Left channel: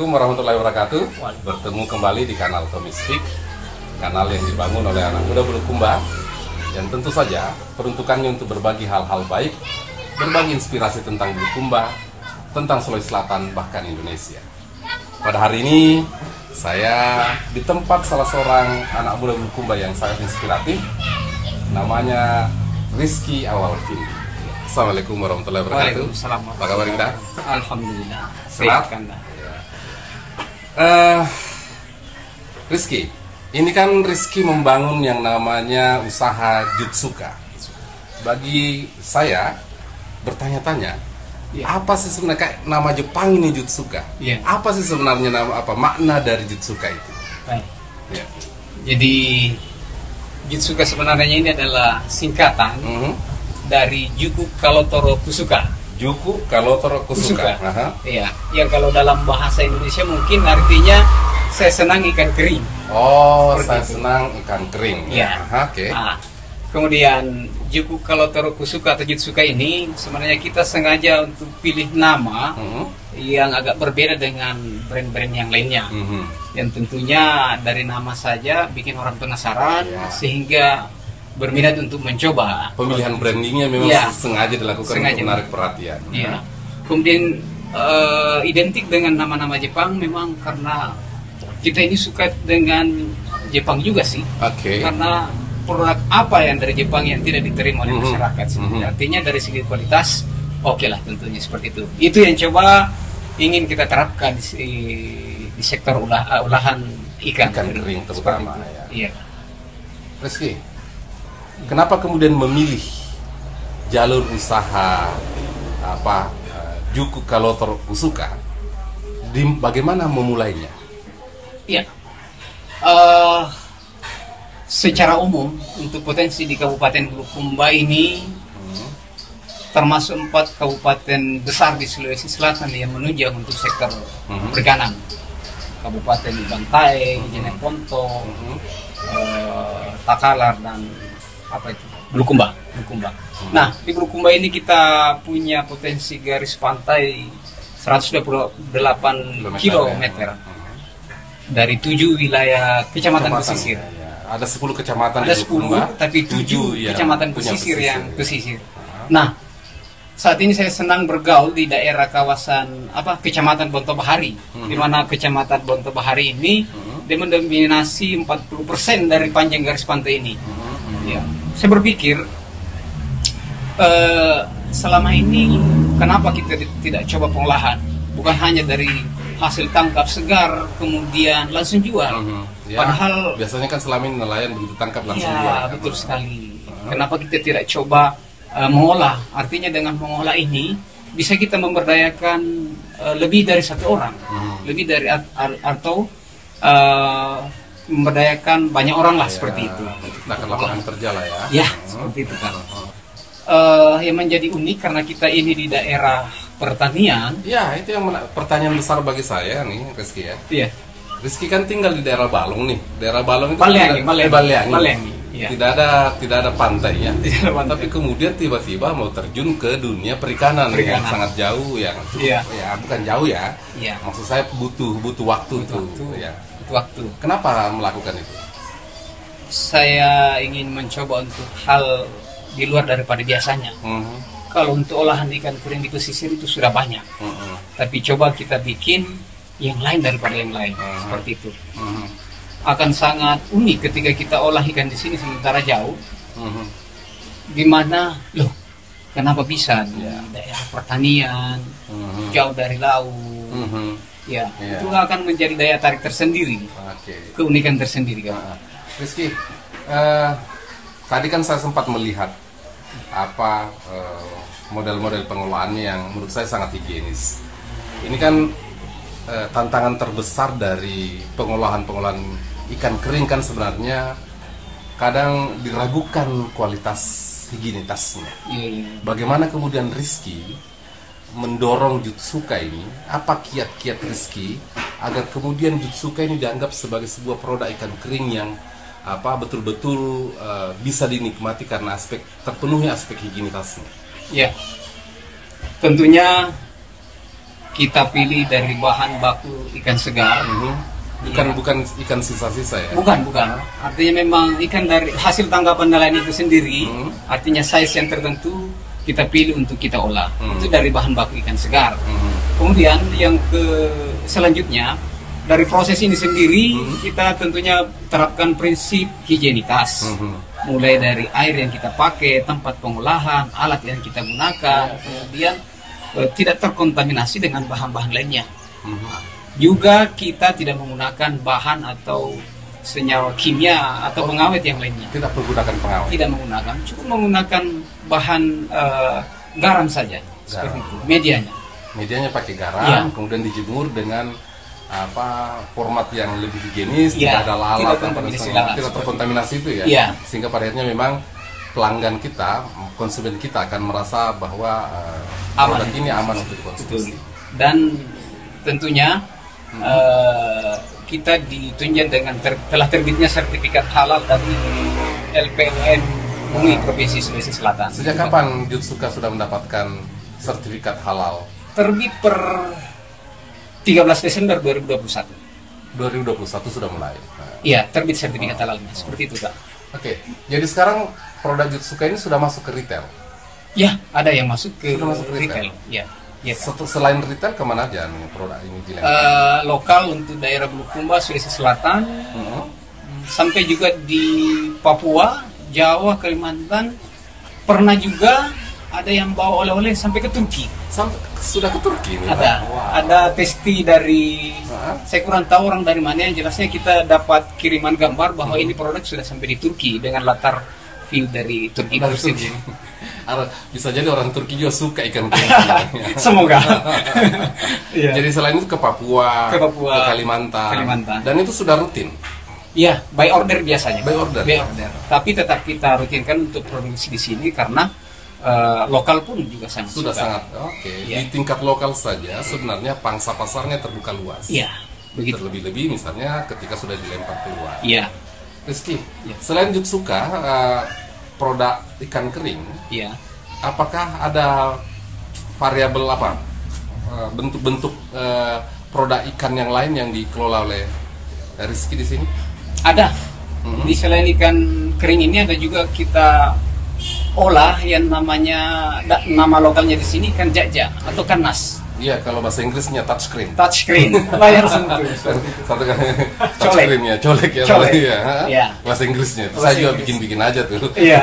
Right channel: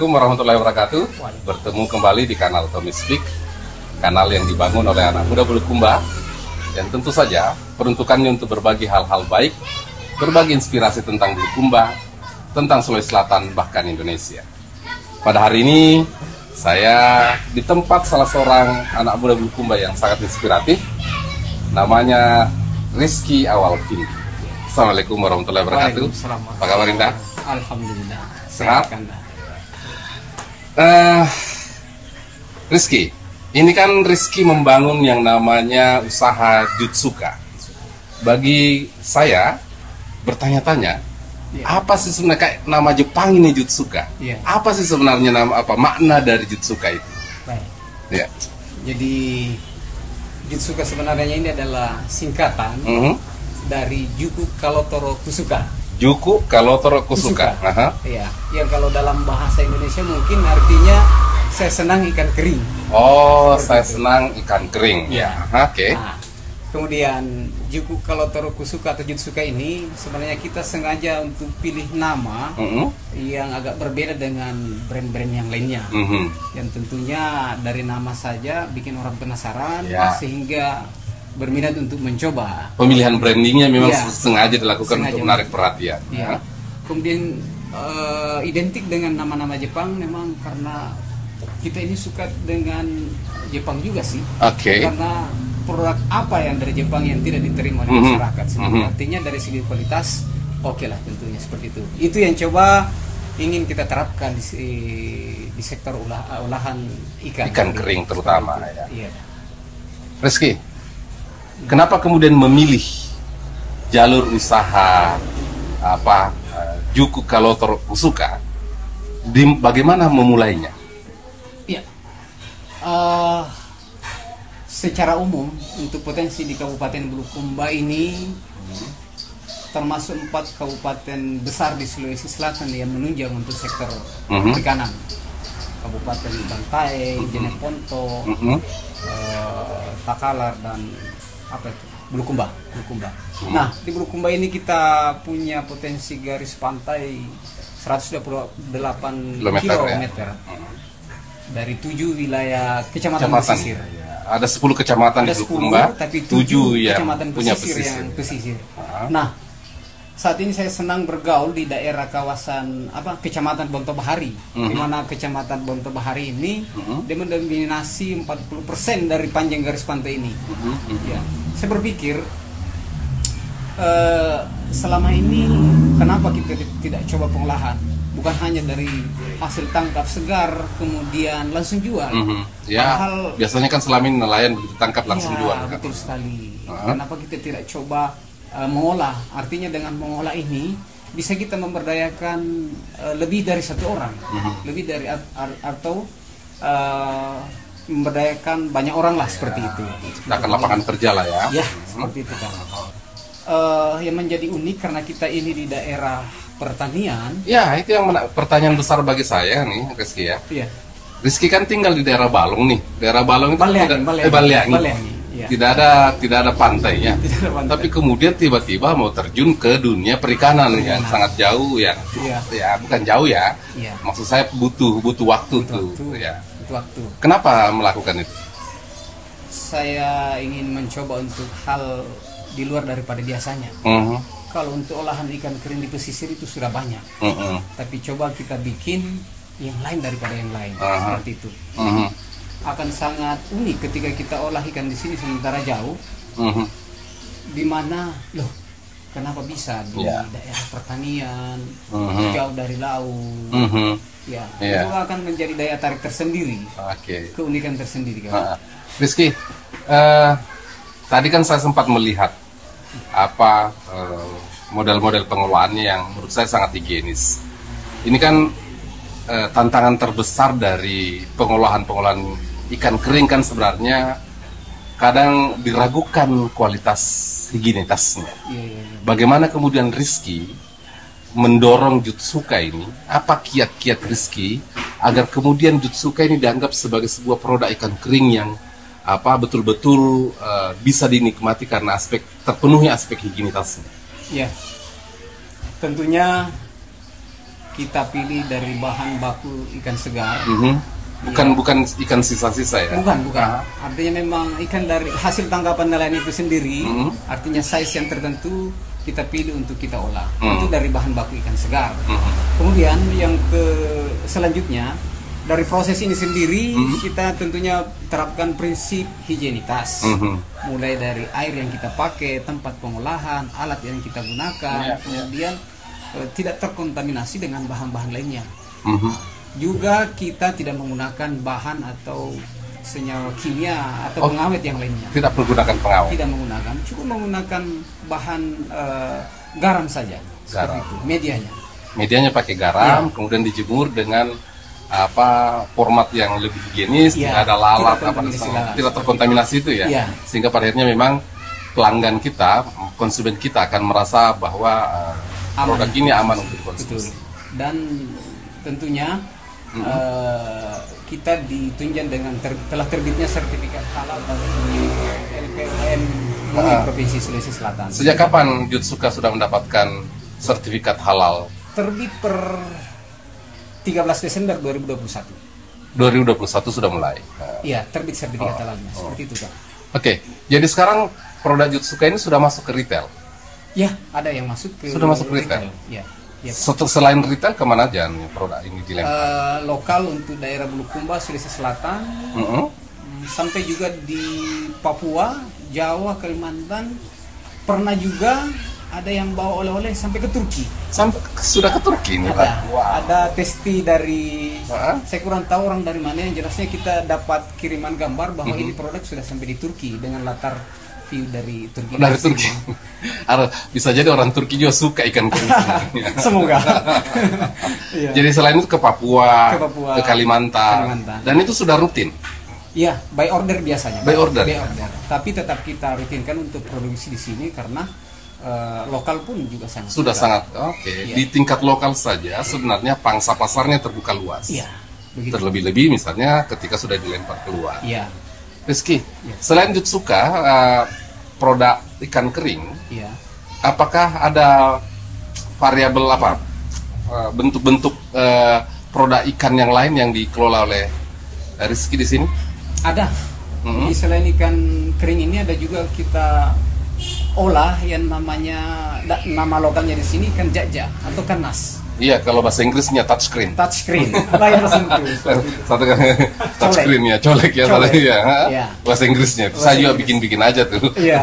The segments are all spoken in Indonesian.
Assalamualaikum warahmatullahi wabarakatuh. Bertemu kembali di kanal Tommy Speak, kanal yang dibangun oleh anak muda Bulukumba, yang tentu saja peruntukannya untuk berbagi hal-hal baik, berbagi inspirasi tentang Bulukumba, tentang Sulawesi Selatan, bahkan Indonesia. Pada hari ini saya di tempat salah seorang anak muda Bulukumba yang sangat inspiratif, namanya Rizky Awalvindi. Assalamualaikum warahmatullahi wabarakatuh. Apa kabar Indah? Alhamdulillah. Sehat kan? Rizky, ini kan Rizky membangun yang namanya usaha Jutsuka. Bagi saya bertanya-tanya, apa sih sebenarnya kayak nama Jepang ini Jutsuka? Apa sih sebenarnya makna dari Jutsuka itu? Baik. Ya. Jadi Jutsuka sebenarnya ini adalah singkatan dari Juku Kalotoro Kusuka. Juku Kalotoro Kusuka. Iya. Ya kalau dalam bahasa Indonesia mungkin artinya saya senang ikan kering. Oh, saya senang ikan kering. Iya. Oke. Nah, kemudian Juku Kalotoro Kusuka atau Jutsuka ini sebenarnya kita sengaja untuk pilih nama yang agak berbeda dengan brand-brand yang lainnya. Yang tentunya dari nama saja bikin orang penasaran sehingga berminat untuk mencoba. Pemilihan brandingnya memang sengaja dilakukan untuk menarik perhatian. Kemudian identik dengan nama-nama Jepang memang karena kita ini suka dengan Jepang juga sih. Karena produk apa yang dari Jepang yang tidak diterima oleh masyarakat. Artinya dari segi kualitas oke lah tentunya seperti itu. Itu yang coba ingin kita terapkan di sektor olahan ikan kering terutama. Iya. Rizky, kenapa kemudian memilih jalur usaha Juku Kalotoro Kusuka? Bagaimana memulainya? Iya. Secara umum untuk potensi di Kabupaten Bulukumba ini termasuk 4 kabupaten besar di Sulawesi Selatan yang menunjang untuk sektor perikanan. Kabupaten Bantaeng, Jeneponto, Takalar dan Bulukumba. Nah, di Bulukumba ini kita punya potensi garis pantai 128 km dari 7 wilayah kecamatan pesisir. Ada 10 kecamatan di Bulukumba, tapi 7 kecamatan pesisir yang pesisir. Nah, saat ini saya senang bergaul di daerah kawasan Kecamatan Bonto Bahari, di mana Kecamatan Bonto Bahari ini dia mendominasi 40% dari panjang garis pantai ini. Ya, saya berpikir selama ini kenapa kita tidak coba pengolahan? Bukan hanya dari hasil tangkap segar kemudian langsung jual. Padahal biasanya kan selama ini nelayan begitu tangkap langsung jual. Betul sekali. Kenapa kita tidak coba mengolah? Artinya dengan mengolah ini bisa kita memberdayakan lebih dari satu orang, lebih dari atau memberdayakan banyak orang lah seperti itu. Akan lapangan kerja lah ya. Ya, seperti itu kan. Yang menjadi unik karena kita ini di daerah pertanian. Ya, itu yang pertanyaan besar bagi saya nih, Rizky ya. Iya. Rizky kan tinggal di daerah Balong nih. Daerah Balong itu Baleangi. Ya. Tidak ada pantainya. Tapi kemudian tiba-tiba mau terjun ke dunia perikanan yang sangat jauh ya bukan jauh ya. Maksud saya butuh waktu tuh. Ya. Butuh waktu. Kenapa melakukan itu? Saya ingin mencoba untuk hal di luar daripada biasanya. Kalau untuk olahan ikan kering di pesisir itu sudah banyak, tapi coba kita bikin yang lain daripada yang lain, seperti itu. Akan sangat unik ketika kita olah ikan di sini sementara jauh, di mana kenapa bisa di daerah pertanian, jauh dari laut, itu akan menjadi daya tarik tersendiri, keunikan tersendiri. Rizky, tadi kan saya sempat melihat model-model pengolahannya yang menurut saya sangat higienis. Ini kan tantangan terbesar dari pengolahan ikan kering kan sebenarnya kadang diragukan kualitas higienitasnya. Bagaimana kemudian Rizky mendorong Jutsuka ini? Apa kiat-kiat Rizky agar kemudian Jutsuka ini dianggap sebagai sebuah produk ikan kering yang betul-betul bisa dinikmati karena terpenuhi aspek higienitasnya? Ya, tentunya kita pilih dari bahan baku ikan segar. Bukan ikan sisa-sisa ya? Bukan. Artinya memang ikan dari hasil tangkapan nelayan itu sendiri. Artinya size yang tertentu kita pilih untuk kita olah. Itu dari bahan baku ikan segar. Kemudian yang selanjutnya dari proses ini sendiri kita tentunya terapkan prinsip higienitas. Mulai dari air yang kita pakai, tempat pengolahan, alat yang kita gunakan, kemudian tidak terkontaminasi dengan bahan-bahan lainnya. Juga kita tidak menggunakan bahan atau senyawa kimia atau pengawet yang lainnya. Tidak menggunakan pengawet. Tidak menggunakan, cukup menggunakan bahan garam saja. Seperti itu. Medianya pakai garam, kemudian dijemur dengan format yang lebih higienis, tidak ada lalat, tidak terkontaminasi itu ya. Sehingga pada akhirnya memang pelanggan kita, konsumen kita akan merasa bahwa produk ini aman untuk dikonsumsi. Dan tentunya kita ditunjang dengan telah terbitnya sertifikat halal dari LPM MUI Provinsi Sulawesi Selatan. Sejak kapan Jutsuka sudah mendapatkan sertifikat halal? Terbit per 13 Desember 2021. 2021 sudah mulai? Iya, terbit sertifikat halalnya, seperti itu Pak. Oke, jadi sekarang produk Jutsuka ini sudah masuk ke retail? Ya, ada yang masuk ke retail. Ya. Selain retail, kemana aja produk ini dilempar? Lokal untuk daerah Bulukumba, Sulawesi Selatan, sampai juga di Papua, Jawa, Kalimantan. Pernah juga ada yang bawa oleh-oleh sampai ke Turki. Sudah ke Turki ini? Ada testi dari, saya kurang tahu orang dari mana, yang jelasnya kita dapat kiriman gambar bahwa ini produk sudah sampai di Turki dengan latar view dari Turki. Bisa jadi orang Turki juga suka ikan kering. Semoga. Jadi selain itu ke Papua, ke Kalimantan. Dan itu sudah rutin? Iya, by order biasanya. By order. Tapi tetap kita rutinkan untuk produksi di sini karena lokal pun juga sangat. Oke. Di tingkat lokal saja sebenarnya pangsa pasarnya terbuka luas. Iya, begitu. Terlebih-lebih misalnya ketika sudah dilempar keluar. Iya. Rizky, selain Jutsuka, produk ikan kering, apakah ada variabel bentuk-bentuk produk ikan yang lain yang dikelola oleh Rizky di sini? Ada. Di selain ikan kering ini ada juga kita olah yang namanya, nama lokalnya di sini ikan jaja atau ikan nas. Iya, kalau bahasa Inggrisnya touchscreen. Layar sentuh. Satu kan touchscreen colek ya. Bahasa Inggrisnya. Saya juga bikin aja tuh. Iya.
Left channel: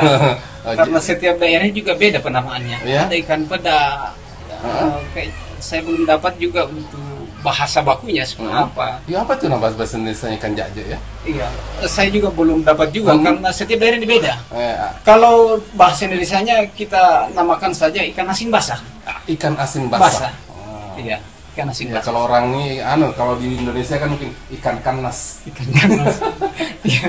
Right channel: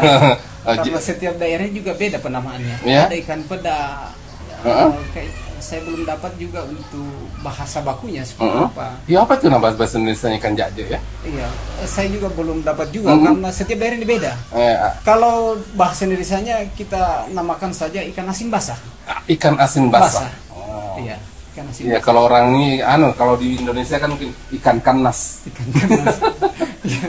Karena setiap daerahnya juga beda penamaannya. Ada ikan peda. Saya belum dapat juga untuk bahasa bakunya seperti apa. Ya, apa tuh nama bahasa Indonesia ikan jaja ya? Iya, saya juga belum dapat juga karena setiap daerah ini beda. Kalau bahasa Indonesianya kita namakan saja ikan asin basah. Ikan asin basah. Iya, ikan asin basah. Kalau orang ini, kalau di Indonesia kan mungkin ikan kanas.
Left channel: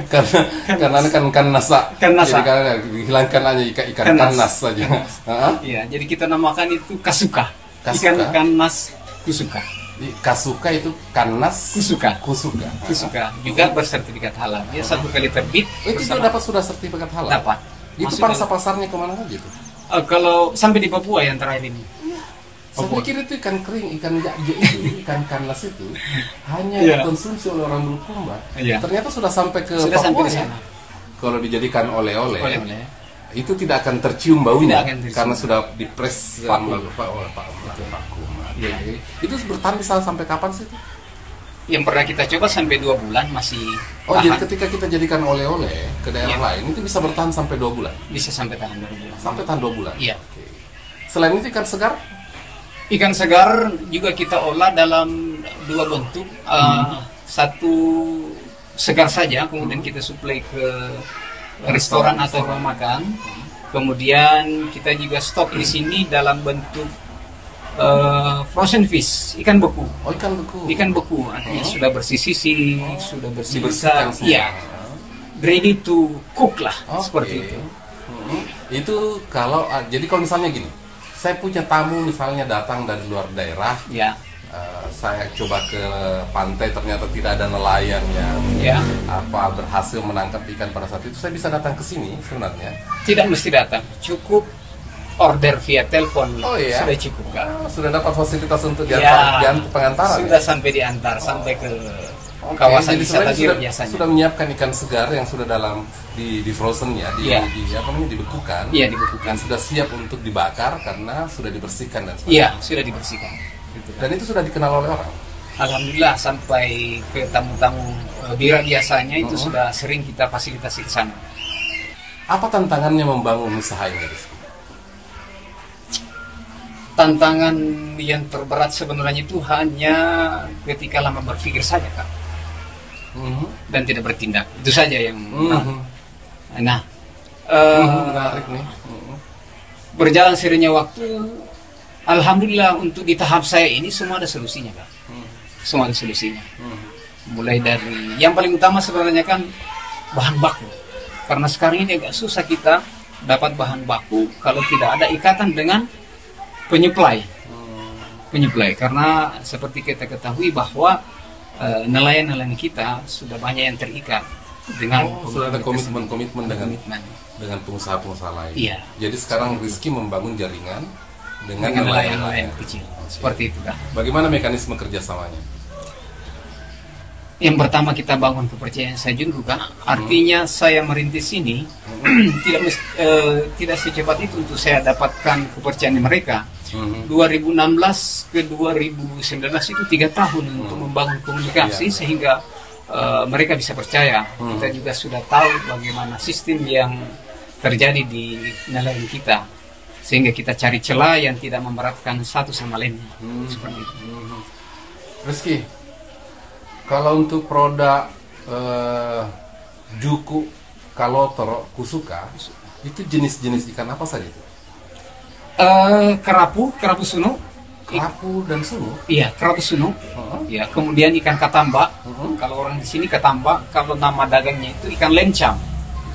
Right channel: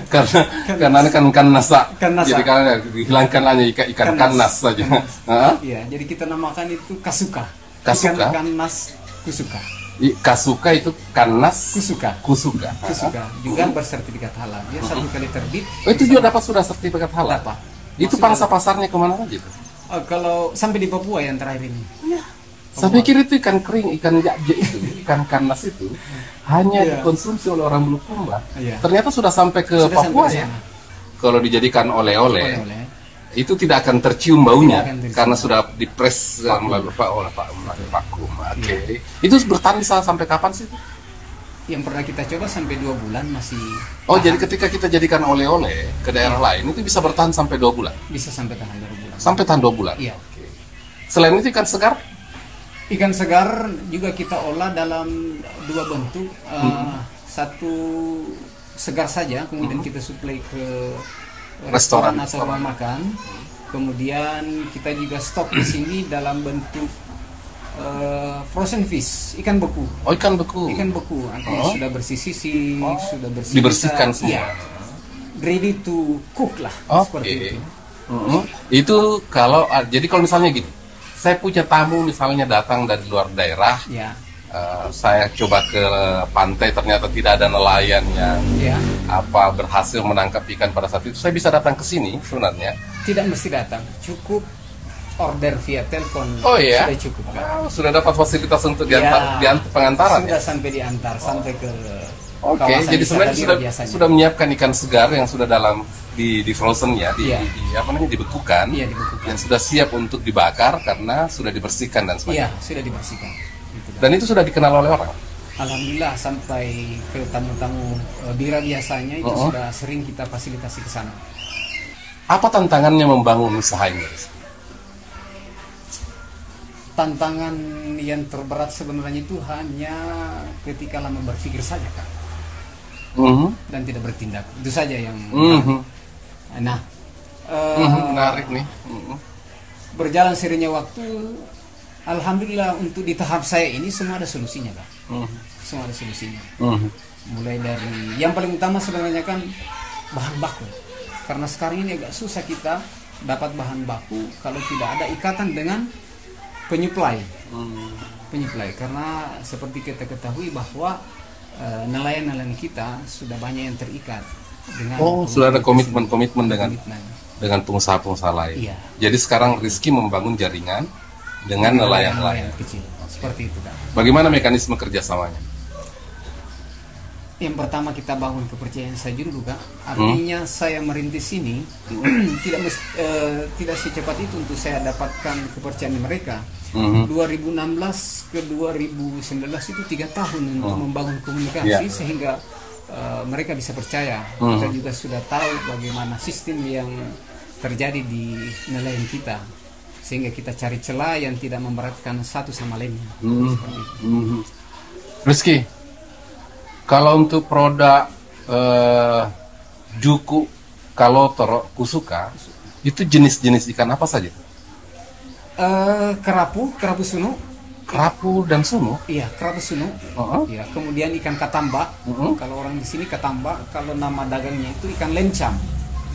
Karena ini kan kanas. Jadi kalau dihilangkan aja ikan kanas saja. Iya, jadi kita namakan itu kasuka. Ikan nas kusuka. Kasuka itu kanas. Kusuka juga bersertifikat halal. Dia 1 kali terbit. Itu juga sudah sertifikat halal. Dapat. Itu pangsa pasarnya kemana aja itu? Kalau sampai di Papua yang terakhir ini. Saya pikir itu ikan kering, ikan jaja itu, ikan kanas itu hanya dikonsumsi oleh orang Bulukumba. Ternyata sudah sampai ke Papua ya. Kalau dijadikan oleh-oleh, itu tidak akan tercium baunya karena sudah dipres oleh vakum. Itu bertahan sampai kapan sih itu? Yang pernah kita coba sampai 2 bulan masih. Jadi ketika kita jadikan oleh-oleh ke daerah lain itu bisa bertahan sampai 2 bulan? Bisa sampai tahan 2 bulan. Sampai tahan 2 bulan? Iya. Selain itu ikan segar? Ikan segar juga kita olah dalam 2 bentuk. Satu segar saja, kemudian kita suplai ke restoran atau rumah makan. Kemudian kita juga stok di sini dalam bentuk frozen fish, ikan beku. Ikan beku. Artinya sudah bersih-sisih, sudah dibersihkan semua. Iya. Ready to cook lah, seperti itu. Itu jadi kalau misalnya gini, saya punya tamu misalnya datang dari luar daerah, saya coba ke pantai ternyata tidak ada nelayan yang berhasil menangkap ikan pada saat itu, saya bisa datang ke sini sebenarnya? Tidak mesti datang, cukup order via telepon. Oh iya? Sudah cukup Kak. Sudah dapat fasilitas untuk Ya, diantar pengantaran sudah ya? sampai diantar sampai ke Oke, kawasan jadi wisata sebenarnya biasanya. sudah menyiapkan ikan segar yang sudah di frozen ya, Iya. apa namanya, dibekukan. Iya, dibekukan. Dan sudah siap untuk dibakar karena sudah dibersihkan dan Iya, sebagainya. sudah dibersihkan. Gitu, Kak. Dan itu sudah dikenal oleh orang. Alhamdulillah sampai ke tamu-tamu Bira biasanya itu sudah sering kita fasilitasi ke sana. Apa tantangannya membangun usaha ini? Tantangan yang terberat sebenarnya itu hanya ketika lama berpikir saja Kak, dan tidak bertindak. Itu saja yang nah menarik nih. berjalan seiringnya waktu, alhamdulillah untuk di tahap saya ini semua ada solusinya Kak. Semua ada solusinya. Mulai dari yang paling utama sebenarnya kan bahan baku, karena sekarang ini agak susah kita dapat bahan baku kalau tidak ada ikatan dengan penyuplai. Karena seperti kita ketahui bahwa nelayan-nelayan kita sudah banyak yang terikat dengan sudah ada komitmen dengan komitmen. pengusaha-pengusaha lain. Iya. Jadi sekarang Rizky membangun jaringan dengan nelayan nelayan kecil. Seperti itu Kak. Bagaimana mekanisme kerjasamanya? Yang pertama kita bangun kepercayaan saya dulu Kak. Artinya saya merintis ini tidak secepat itu untuk saya dapatkan kepercayaan mereka. 2016 ke 2019 itu 3 tahun untuk membangun komunikasi sehingga mereka bisa percaya. Kita juga sudah tahu bagaimana sistem yang terjadi di nelayan kita, sehingga kita cari celah yang tidak memberatkan satu sama lainnya. Seperti itu. Rizky, kalau untuk produk juku, kalotor, kusuka, itu jenis-jenis ikan apa saja itu? Kerapu sunu. Kerapu dan sunu? Iya, kerapu sunu. Ya, kemudian ikan katamba. Kalau orang di sini katamba, kalau nama dagangnya itu ikan lencam.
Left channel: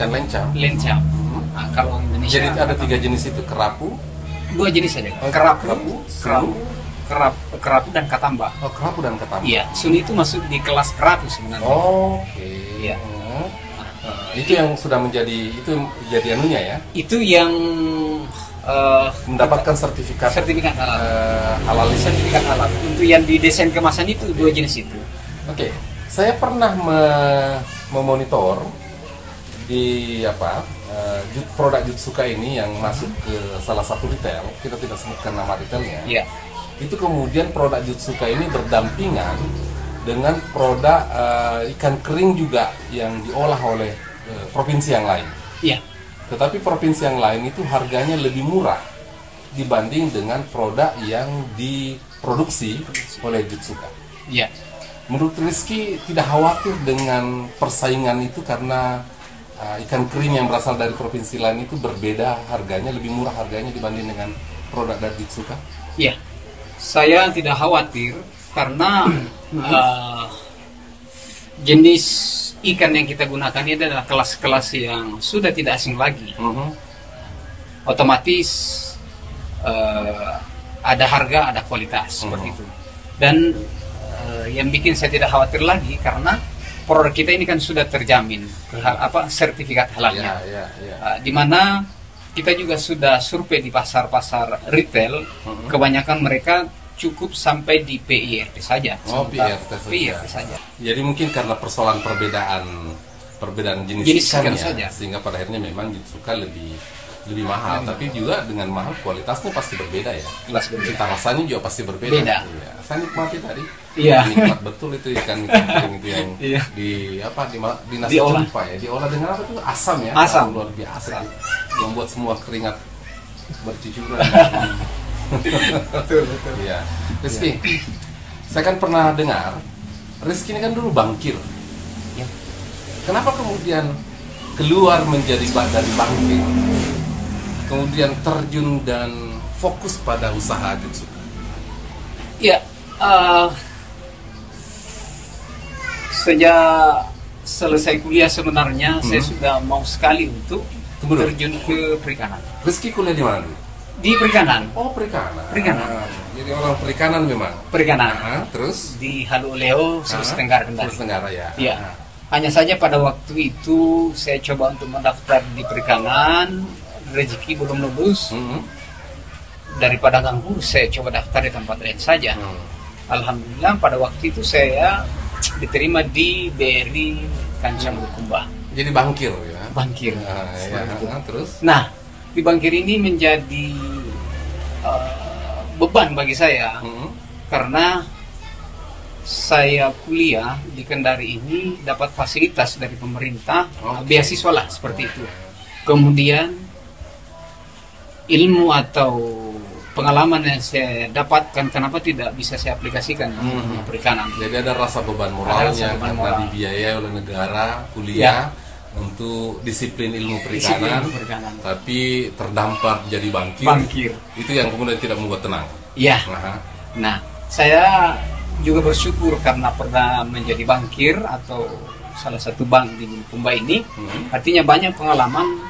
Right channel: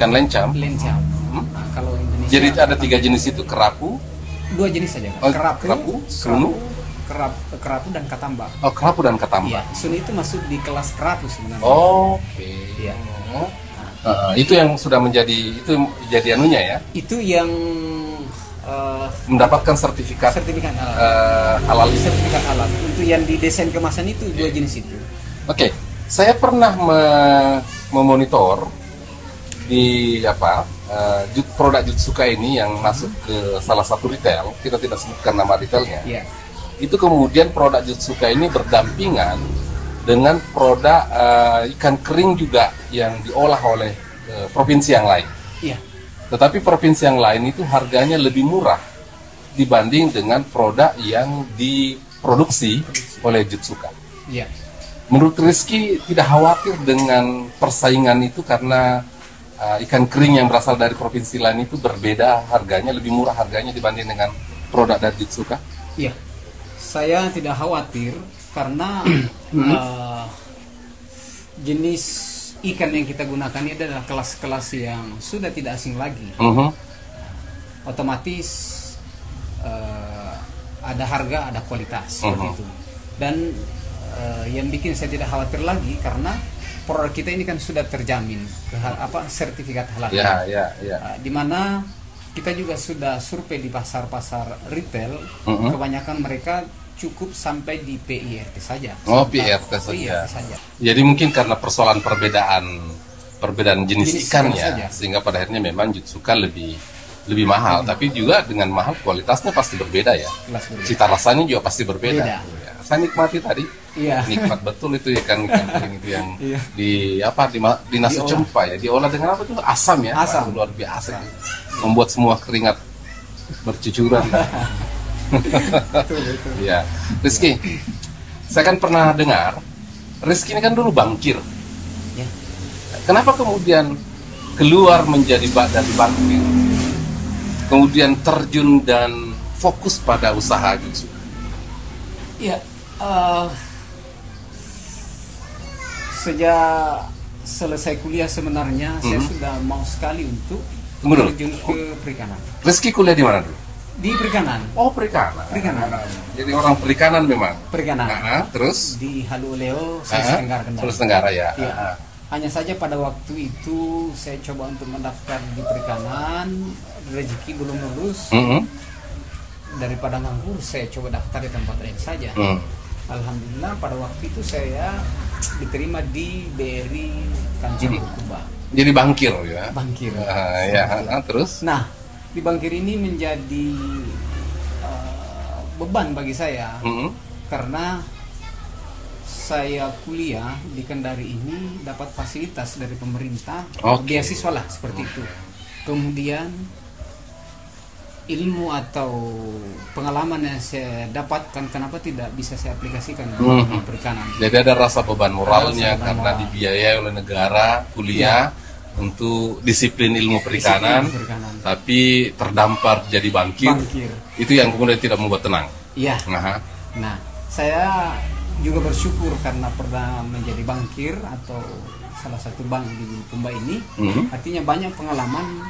Ikan lencam? Lencam. Nah, kalau Indonesia. Jadi ada 3 jenis itu, kerapu? 2 jenis saja. Kerapu, sunu, kerapu dan katamba. Oh, kerapu dan katamba. Iya, sunu itu masuk di kelas kerapu sebenarnya. Oke. Iya. Itu yang sudah menjadi anunya ya? Itu yang mendapatkan sertifikat halal. Sertifikat halal. Untuk yang di desain kemasan itu 2 jenis itu. Oke, saya pernah memonitor di produk Jutsuka ini yang masuk ke salah satu retail. Kita tidak sebutkan nama retailnya. Iya. Itu kemudian produk Jutsuka ini berdampingan dengan produk ikan kering juga yang diolah oleh provinsi yang lain. Iya. Tetapi provinsi yang lain itu harganya lebih murah dibanding dengan produk yang diproduksi oleh Jutsuka. Iya. Menurut Rizky tidak khawatir dengan persaingan itu karena ikan kering yang berasal dari provinsi lain itu berbeda harganya, lebih murah harganya dibanding dengan produk dari Jutsuka? Iya. Saya tidak khawatir karena jenis ikan yang kita gunakan ini adalah kelas-kelas yang sudah tidak asing lagi. Otomatis ada harga, ada kualitas seperti itu. Dan yang bikin saya tidak khawatir lagi karena produk kita ini kan sudah terjamin sertifikat halalnya. Di mana kita juga sudah survei di pasar-pasar retail, kebanyakan mereka cukup sampai di PIRT saja. Oh, PIRT saja. Jadi mungkin karena persoalan perbedaan jenis ikan ya, sehingga pada akhirnya memang Jutsuka lebih mahal, tapi juga dengan mahal kualitasnya pasti berbeda ya. Cita rasanya juga pasti berbeda. Ya. Saya nikmati tadi. Iya. Nikmat betul itu ikan kering itu yang di nasi cempa ya. Diolah dengan apa tuh? Asam ya. Asam. Luar biasa. Membuat semua keringat bercucuran. Betul. Ya, Rizky, saya kan pernah dengar Rizky ini kan dulu bankir. Ya. Kenapa kemudian keluar menjadi dari bankir, kemudian terjun dan fokus pada usaha Jutsu? Ya, sejak selesai kuliah sebenarnya saya sudah mau sekali untuk terjun ke perikanan. Rizky kuliah di mana dulu? Di perikanan. Oh, perikanan. Perikanan. Jadi orang perikanan memang. Perikanan. Terus di Haluleo, Sulawesi Tenggara Kendari. Sulawesi Tenggara ya. Iya. Hanya saja pada waktu itu saya coba untuk mendaftar di perikanan, rezeki belum lulus. daripada nganggur saya coba daftar di tempat lain saja. Alhamdulillah pada waktu itu saya diterima di BRI Kancing Bulukumba. Jadi bankir ya? Bankir. Terus? Nah, di bankir ini menjadi beban bagi saya karena saya kuliah di Kendari ini dapat fasilitas dari pemerintah, beasiswa lah seperti itu. Kemudian ilmu atau pengalaman yang saya dapatkan kenapa tidak bisa saya aplikasikan di perikanan. Jadi ada rasa beban moralnya karena dibiayai oleh negara kuliah untuk disiplin ilmu perikanan, tapi terdampar jadi bankir. Itu yang kemudian tidak membuat tenang. Iya. Nah, saya juga bersyukur karena pernah menjadi bankir atau salah satu bank di Bulukumba ini. Artinya banyak pengalaman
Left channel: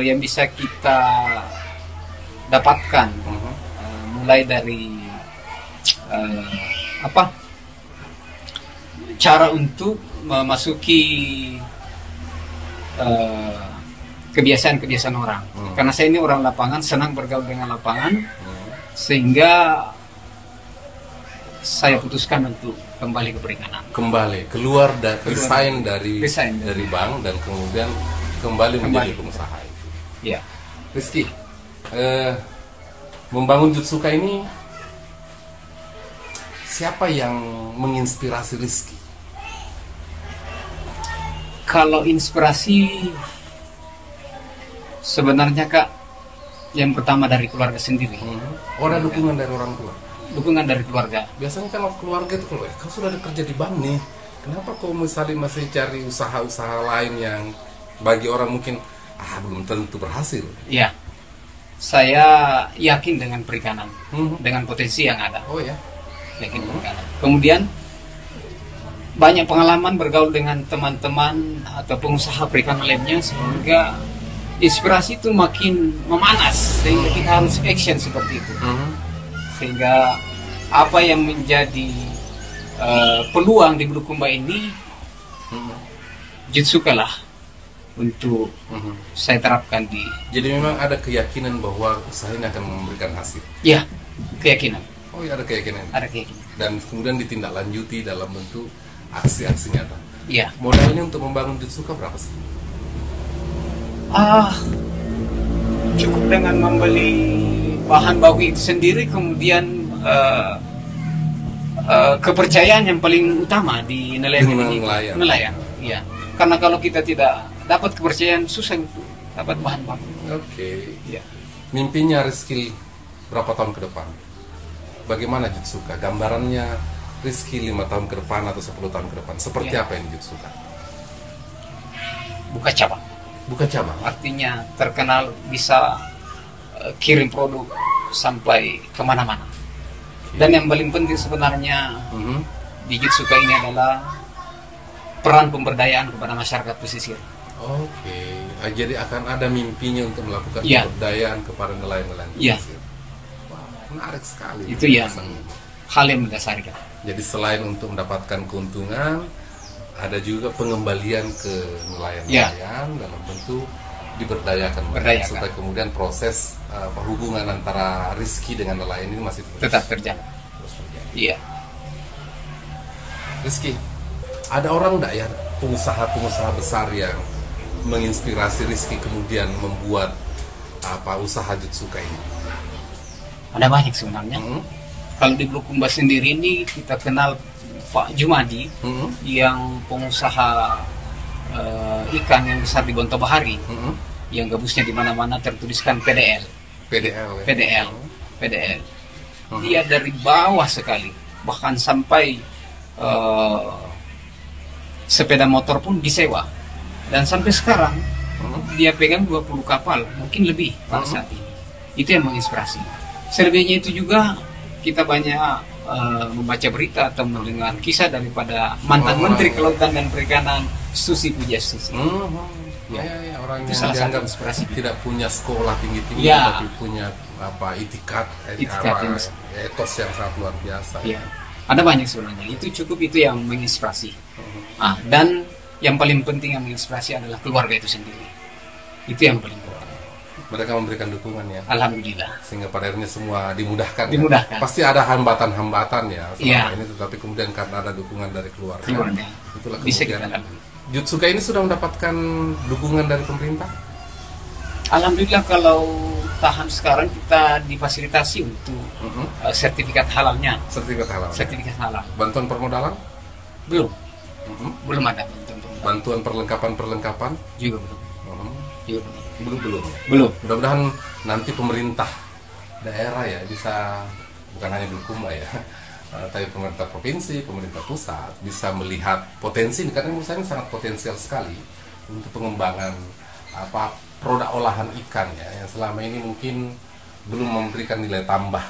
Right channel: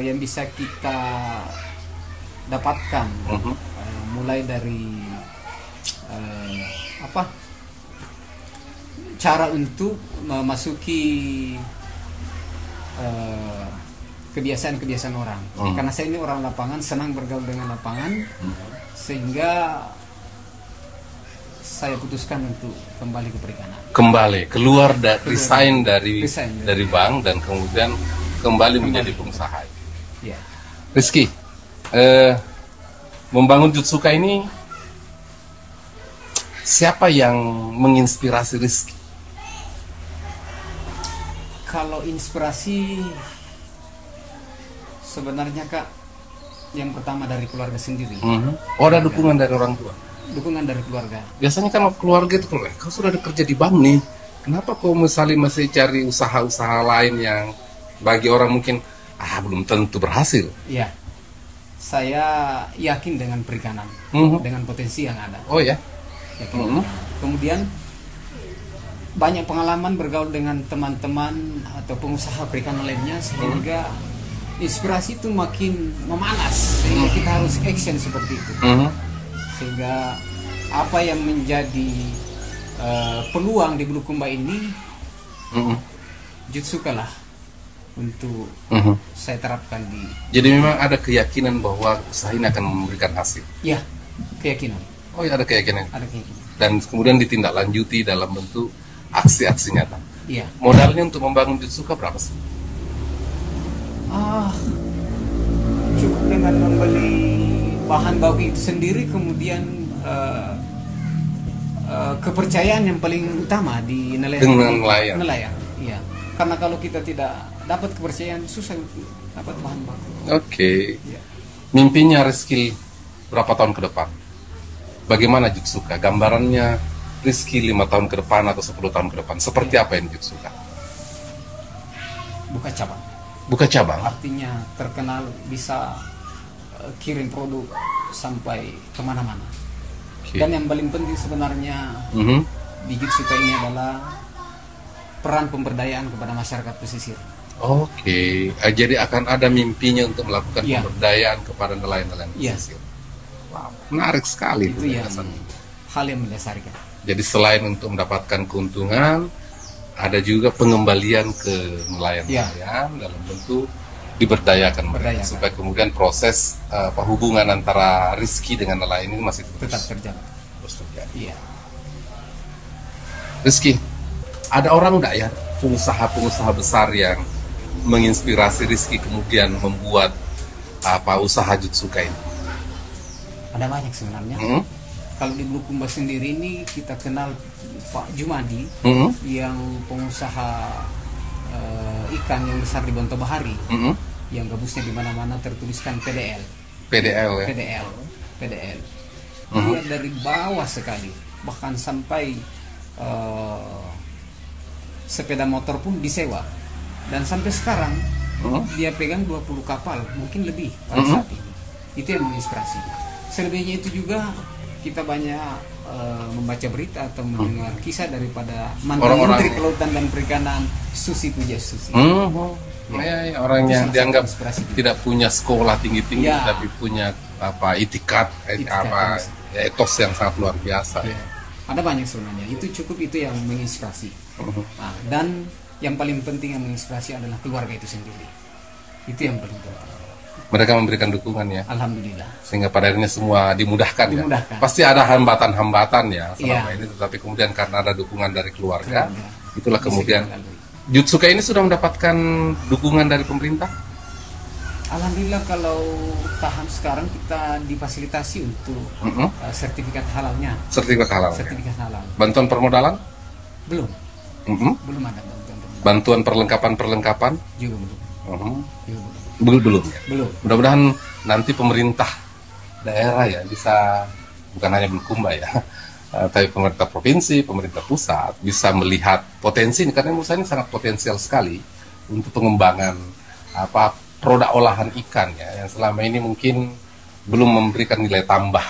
yang bisa kita dapatkan, mulai dari cara untuk memasuki kebiasaan-kebiasaan orang. Karena saya ini orang lapangan, senang bergaul dengan lapangan, sehingga saya putuskan untuk kembali ke perikanan. Kembali keluar resign dari bank dan kemudian kembali menjadi pengusaha. Ya. Rizky, membangun Jutsuka ini siapa yang menginspirasi Rizky? Kalau inspirasi sebenarnya Kak, yang pertama dari keluarga sendiri. Ada dukungan dari orang tua? Dukungan dari keluarga. Biasanya kan keluarga itu kalau kau sudah kerja di bank nih, kenapa kau misalnya masih cari usaha-usaha lain yang bagi orang mungkin belum tentu berhasil? Iya, saya yakin dengan perikanan, dengan potensi yang ada. Oh ya, yakin perikanan. Kemudian banyak pengalaman bergaul dengan teman-teman atau pengusaha perikanan lainnya, sehingga inspirasi itu makin memanas, sehingga kita harus action seperti itu. Sehingga apa yang menjadi peluang di Bulukumba ini, Jutsuka lah untuk saya terapkan di. Jadi memang ada keyakinan bahwa usaha ini akan memberikan hasil. Ya, keyakinan. Oh ya, ada keyakinan. Ada keyakinan. Dan kemudian ditindaklanjuti dalam bentuk aksi-aksi nyata. Iya. Modalnya untuk membangun Jutsuka berapa sih? Cukup dengan membeli bahan baku itu sendiri, kemudian kepercayaan yang paling utama di nelayan. Iya. Karena kalau kita tidak dapat kepercayaan, susah untuk dapat bahan baku. Oke. Ya. Mimpinya Rizky berapa tahun ke depan? Bagaimana Jutsuka? Gambarannya Rizky 5 tahun ke depan atau 10 tahun ke depan, seperti apa yang Jutsuka? Buka cabang. Buka cabang? Artinya terkenal, bisa kirim produk sampai kemana-mana. Dan yang paling penting sebenarnya di Jutsuka ini adalah peran pemberdayaan kepada masyarakat pesisir. Oke, jadi akan ada mimpinya untuk melakukan pemberdayaan kepada nelayan-nelayan pesisir. Wow, menarik sekali. Itu ya hal yang mendasarkan. Jadi selain untuk mendapatkan keuntungan, ada juga pengembalian ke nelayan-nelayan dalam bentuk diberdayakan mereka, supaya kemudian proses hubungan antara Rizky dengan nelayan ini masih tetap terjaga. Iya. Rizky, ada orang enggak ya pengusaha-pengusaha besar yang menginspirasi Rizky kemudian membuat usaha Jutsuka ini? Ada banyak sebenarnya. Kalau di Bulukumba sendiri ini kita kenal Pak Jumadi, yang pengusaha ikan yang besar di Bonto Bahari, yang gabusnya di mana-mana tertuliskan PDL. PDL. Dia dari bawah sekali, bahkan sampai sepeda motor pun disewa, dan sampai sekarang dia pegang 20 kapal, mungkin lebih pada saat ini. Itu yang menginspirasi. Selebihnya itu juga kita banyak membaca berita atau mendengar kisah daripada mantan Menteri Kelautan dan Perikanan, Susi Pujastuti. Orang yang dianggap tidak punya sekolah tinggi-tinggi, tapi punya itikat etos yang sangat luar biasa. Ada banyak sebenarnya. Itu yang menginspirasi. Dan yang paling penting yang menginspirasi adalah keluarga itu sendiri. Itu yang paling penting. Mereka memberikan dukungan ya. Alhamdulillah. Sehingga pada akhirnya semua dimudahkan. Dimudahkan. Ya? Pasti ada hambatan-hambatan ya selama Iya. ini, tetapi kemudian karena ada dukungan dari keluarga, itulah Bisa kemudian kita lalui. Jutsuka ini sudah mendapatkan dukungan dari pemerintah. Alhamdulillah kalau tahap sekarang kita difasilitasi untuk sertifikat halalnya. Sertifikat halal. Sertifikat halal. Bantuan permodalan? Belum. Belum ada bantuan. Bantuan perlengkapan Juga belum. Juga belum. Belum ya. Belum. Mudah-mudahan nanti pemerintah daerah ya bisa, bukan hanya Bulukumba ya, tapi pemerintah provinsi, pemerintah pusat bisa melihat potensi ini, karena menurut saya ini sangat potensial sekali untuk pengembangan produk olahan ikan ya, yang selama ini mungkin belum memberikan nilai tambah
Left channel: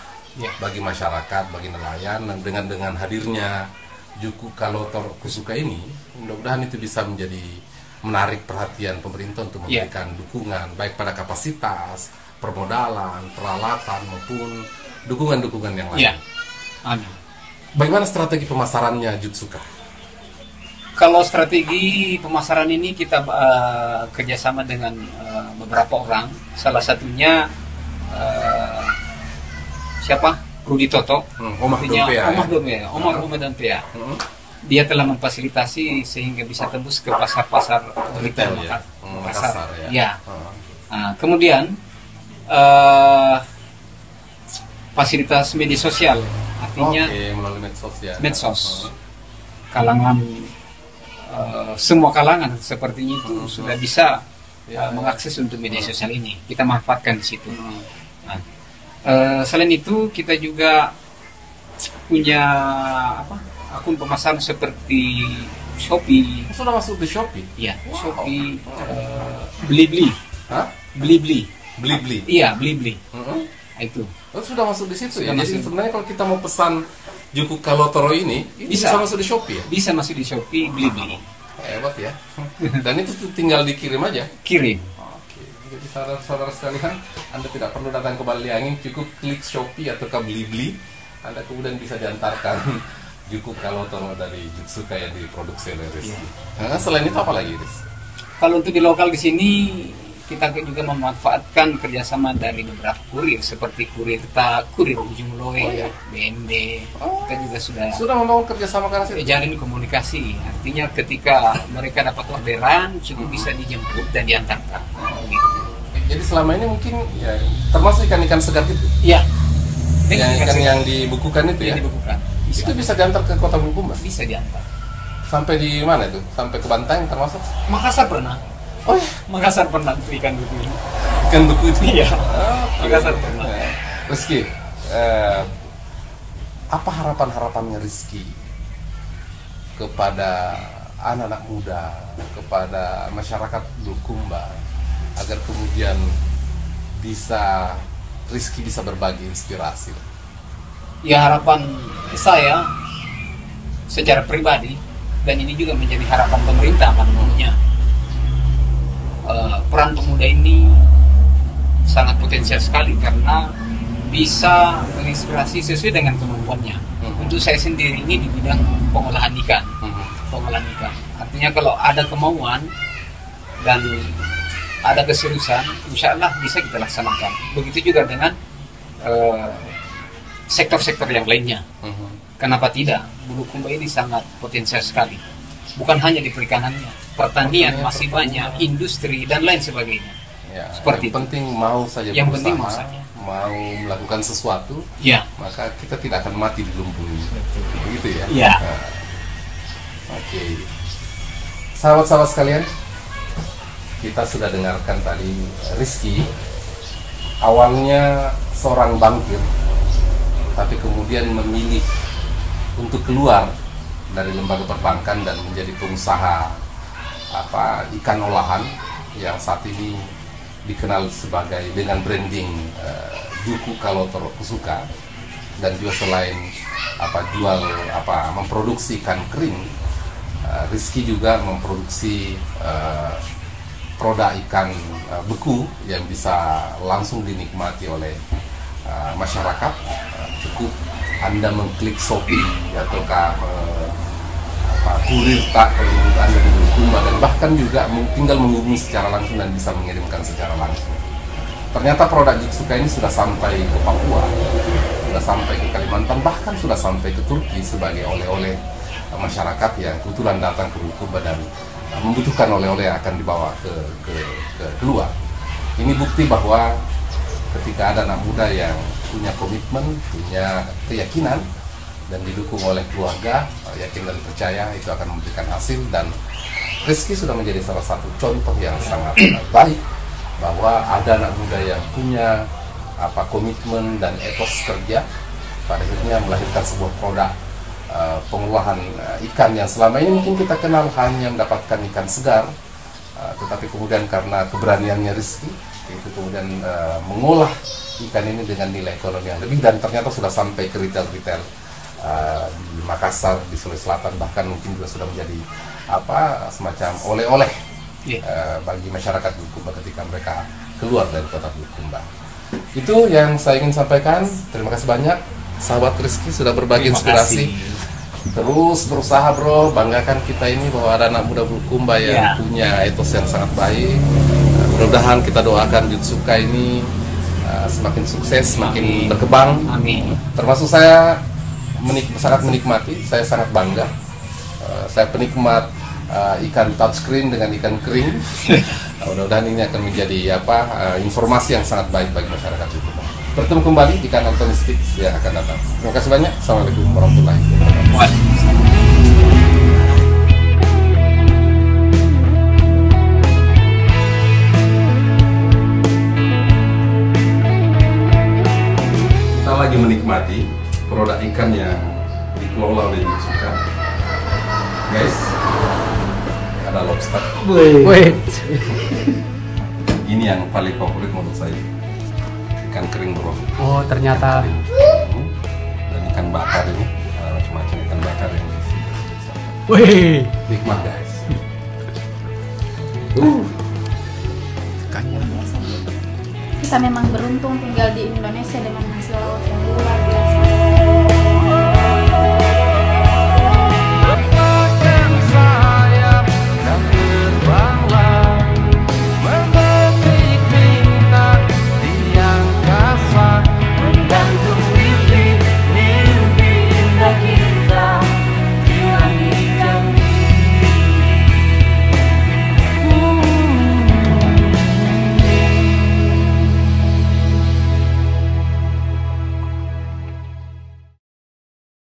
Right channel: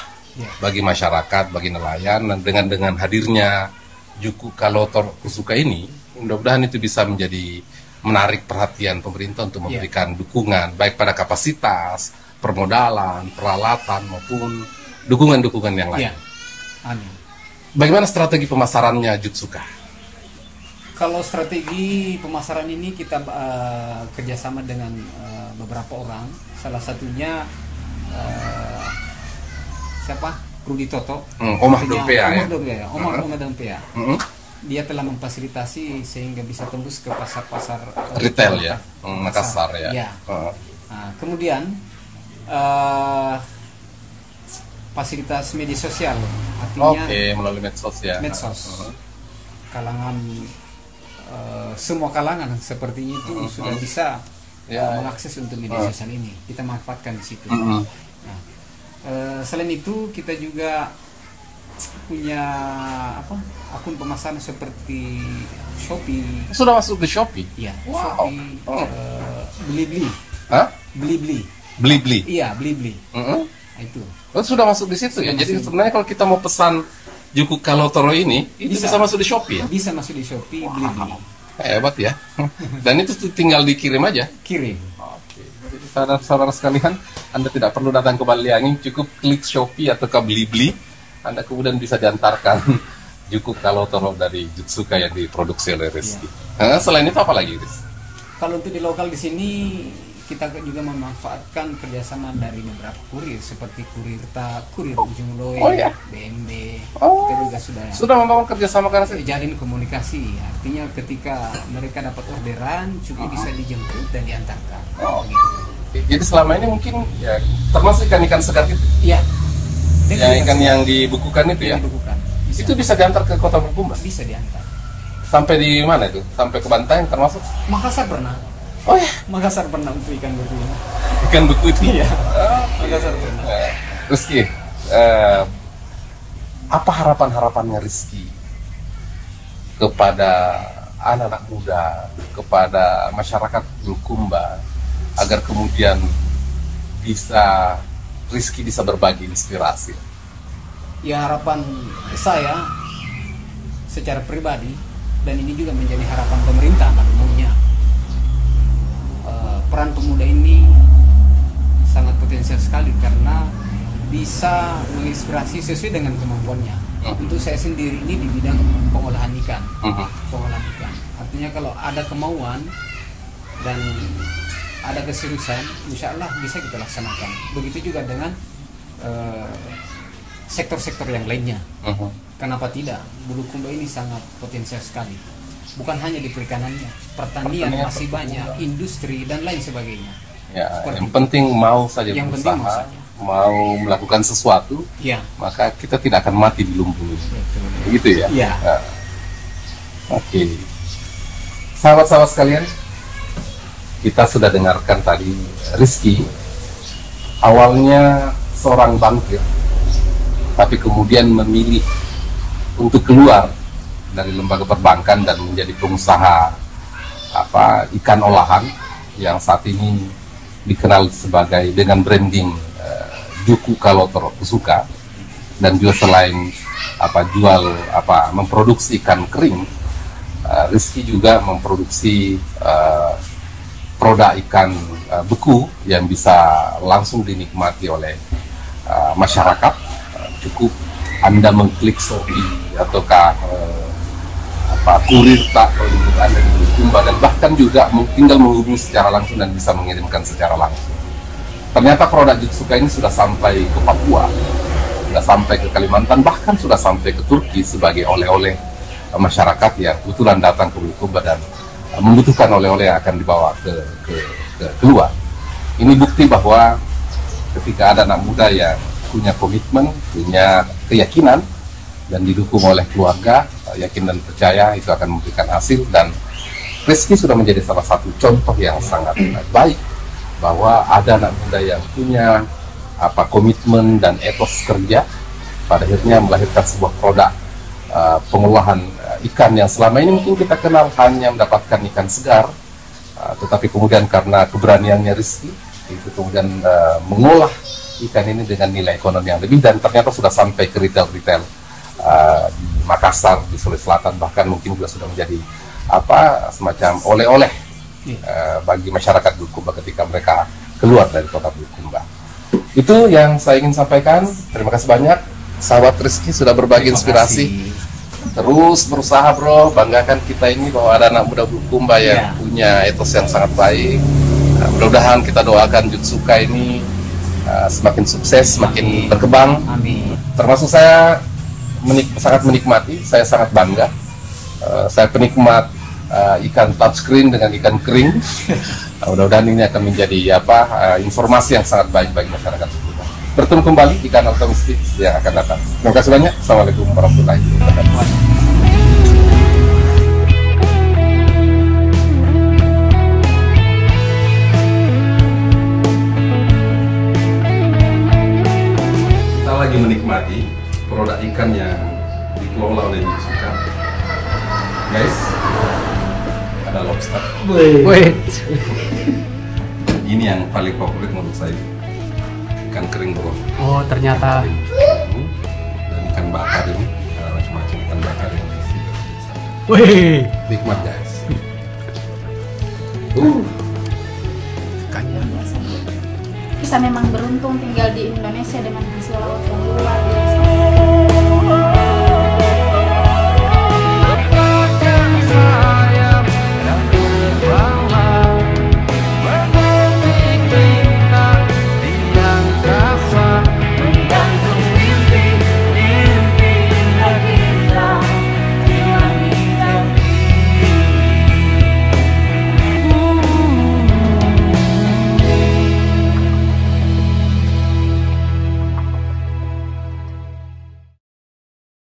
bagi masyarakat, bagi nelayan. Dan dengan hadirnya Juku Kalotor Kusuka ini, mudah-mudahan itu bisa menjadi menarik perhatian pemerintah untuk memberikan dukungan baik pada kapasitas, permodalan, peralatan maupun dukungan-dukungan yang lain. Amin. Bagaimana strategi pemasarannya Jutsuka? Kalau strategi pemasaran ini kita kerjasama dengan beberapa orang. Salah satunya siapa? Rudi Toto. Omar Dompea. Dia telah memfasilitasi sehingga bisa tembus ke pasar-pasar retail ya, Makassar ya. Nah, kemudian fasilitas media sosial, artinya melalui medsos. Kalangan semua kalangan sepertinya itu sudah bisa mengakses untuk media sosial ini. Kita manfaatkan di situ. Nah, selain itu kita juga punya akun pemasaran seperti Shopee. Sudah masuk di Shopee? Iya, Shopee, Blibli. Blibli. Iya, Blibli. Itu. Sudah masuk di situ ya. Jadi sebenarnya kalau kita mau pesan Juku Kalotoro ini bisa masuk di Shopee ya? Bisa masuk di Shopee, Blibli. Hebat ya. Dan itu tinggal dikirim aja. Kirim. Jadi saudara-saudara sekalian, Anda tidak perlu datang ke Baliangin, cukup klik Shopee atau ke Blibli, Anda kemudian bisa diantarkan Juku Kalotoro dari Jutsuka yang diproduksi oleh Rizky. Nah, selain itu apa lagi, Riz? Kalau untuk di lokal di sini kita juga memanfaatkan kerjasama dari beberapa kurir seperti kurir Ujung Loe, BND. Kita juga sudah membangun kerjasama karena jalin komunikasi. Artinya ketika mereka dapat orderan, cukup bisa dijemput dan diantarkan. Gitu. Jadi selama ini mungkin ya termasuk ikan-ikan segar itu. Iya. Ikan yang dibukukan itu ya. Dibukukan. Itu bisa diantar ke Kota Bulukumba? Bisa diantar. Sampai di mana itu? Sampai ke Bantaeng termasuk? Makassar pernah. Oh ya? Makassar pernah untuk ikan beku ini. Ikan beku itu? Iya. Makassar pernah. Rizky, apa harapan-harapannya Rizky kepada anak-anak muda, kepada masyarakat Bulukumba, agar kemudian Rizky bisa berbagi inspirasi? Ya, harapan saya secara pribadi, dan ini juga menjadi harapan pemerintah pada umumnya, peran pemuda ini sangat potensial sekali karena bisa menginspirasi sesuai dengan kemampuannya. Untuk saya sendiri ini di bidang pengolahan ikan. Pengolahan ikan. Artinya kalau ada kemauan dan ada keseriusan, insya Allah bisa kita laksanakan. Begitu juga dengan sektor-sektor yang lainnya. Kenapa tidak? Bulukumba ini sangat potensial sekali. Bukan hanya di perikanannya, pertanian masih banyak, industri dan lain sebagainya. Ya, yang penting mau saja berusaha, mau melakukan sesuatu, maka kita tidak akan mati di lumbung. Gitu ya? Ya. Oke. Sahabat-sahabat sekalian, kita sudah dengarkan tadi Rizky, awalnya seorang bankir, tapi kemudian memilih untuk keluar dari lembaga perbankan dan menjadi pengusaha ikan olahan yang saat ini dikenal sebagai dengan branding Juku Kalotoro Kusuka, dan juga selain memproduksi ikan kering, Rizky juga memproduksi produk ikan beku yang bisa langsung dinikmati oleh masyarakat. Cukup Anda mengklik Shopee ataukah kurir Anda di Bulukumba, dan bahkan juga tinggal menghubungi secara langsung dan bisa mengirimkan secara langsung. ternyata produk Jutsuka ini sudah sampai ke Papua, sudah sampai ke Kalimantan, bahkan sudah sampai ke Turki sebagai oleh-oleh masyarakat yang kebetulan datang ke Bulukumba dan membutuhkan oleh-oleh yang akan dibawa ke luar. Ini bukti bahwa ketika ada anak muda yang punya komitmen, punya keyakinan, dan didukung oleh keluarga, yakin dan percaya, itu akan memberikan hasil. Dan Rizky sudah menjadi salah satu contoh yang sangat baik bahwa ada anak muda yang punya komitmen dan etos kerja, pada akhirnya melahirkan sebuah produk pengolahan ikan yang selama ini mungkin kita kenal hanya mendapatkan ikan segar, tetapi kemudian karena keberaniannya Rizky, itu kemudian mengolah ikan ini dengan nilai ekonomi yang lebih, dan ternyata sudah sampai ke retail-retail di Makassar, di Sulawesi Selatan, bahkan mungkin juga sudah menjadi semacam oleh-oleh bagi masyarakat Bulukumba ketika mereka keluar dari kota Bulukumba. Itu yang saya ingin sampaikan. Terima kasih banyak sahabat Rizky sudah berbagi inspirasi. Terus berusaha bro, banggakan kita ini bahwa ada anak muda Bulukumba yang punya etos yang sangat baik. Mudah-mudahan kita doakan Jutsuka ini semakin sukses, semakin berkembang. Amin. Termasuk saya sangat menikmati, saya sangat bangga. Saya penikmat ikan touchscreen dengan ikan kering. Mudah-mudahan ini akan menjadi informasi yang sangat baik bagi masyarakat. Bertemu kembali di kanal Tomistik yang akan datang. Terima kasih banyak. Assalamualaikum warahmatullahi wabarakatuh. Kita lagi menikmati produk ikan yang dikelola oleh Jutsuka. Guys, ada lobster. Wait. Ini yang paling favorit menurut saya, ikan kering bro. Oh ternyata. Dan ikan bakar ini, macam-macam ikan bakar yang diisi. Wih. Nikmat guys. Kita memang beruntung tinggal di Indonesia dengan hasil laut yang luar biasa.